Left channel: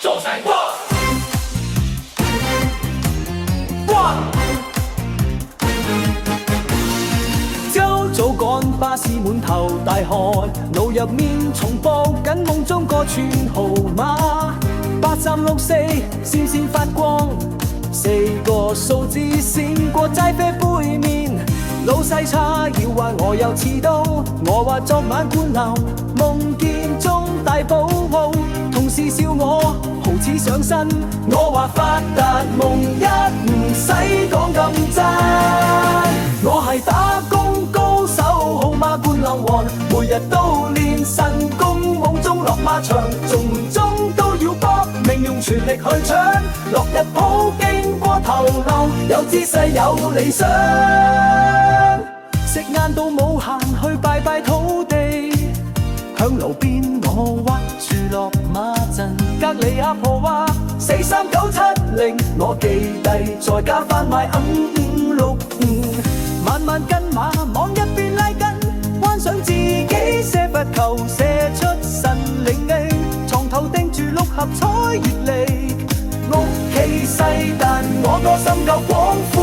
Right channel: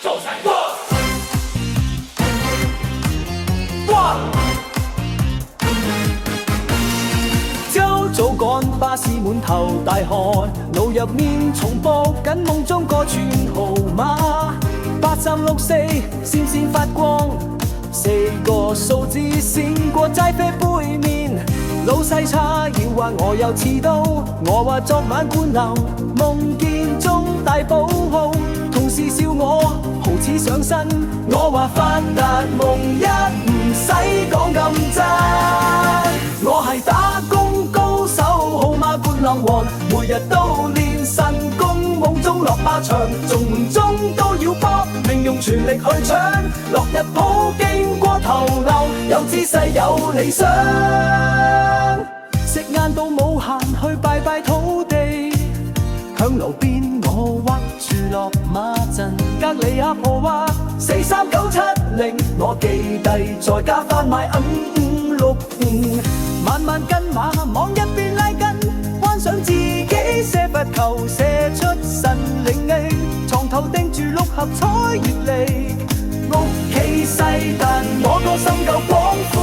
做晒過。哇！朝早趕巴士滿頭大汗，腦入面重播緊夢中個串號碼，8364閃閃發光，4個數字閃過齋啡杯面。老細差要話我又遲到，我話昨晚灌流，夢見中大寶號，同事笑我好似上身，我話發達夢一唔使講咁真，我係打工高手，號碼灌流王，每日都練神功，夢中落馬場，中唔中都要搏命，用全力去搶，落日鋪經過頭流，有姿勢有理想。食晏到冇閒去拜拜土地，響路邊我屈住落馬陣，隔離阿婆話43970，我記低再加翻埋5565，慢慢跟馬往一邊拉筋，幻想自己射罰球射出神靈，床頭釘住6合彩月曆，屋企細但我個心夠廣闊，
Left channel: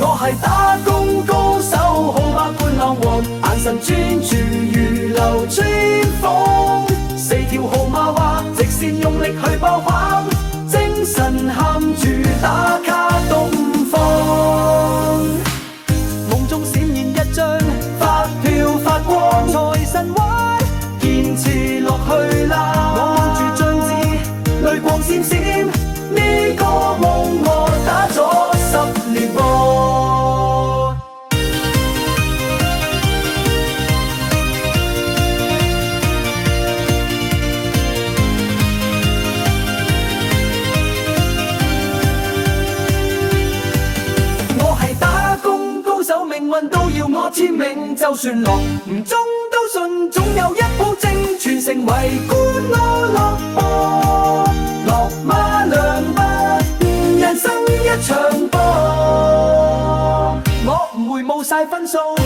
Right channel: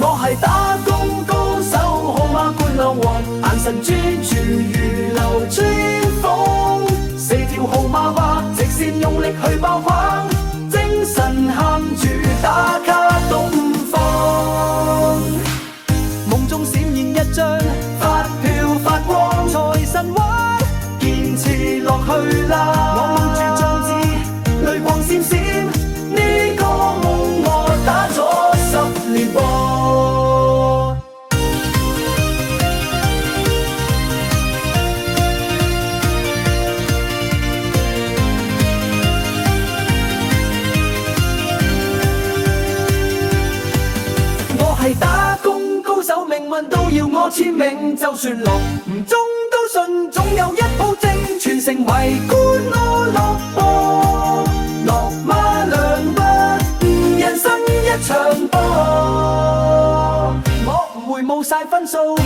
我係打工高手，號碼灌流王，眼神專注如流川楓，4條號碼話直線用力去爆框，精神喊住打卡都唔放，夢中閃現一張發票發光，財神話堅持落去啦，我望住張紙淚光閃閃，呢個夢我打咗10年噃。我係打工高手，命運都要我簽名，就算落唔中都信，總有一鋪正全城圍觀我落播，落馬兩筆，人生一場波，我唔會冇晒分數。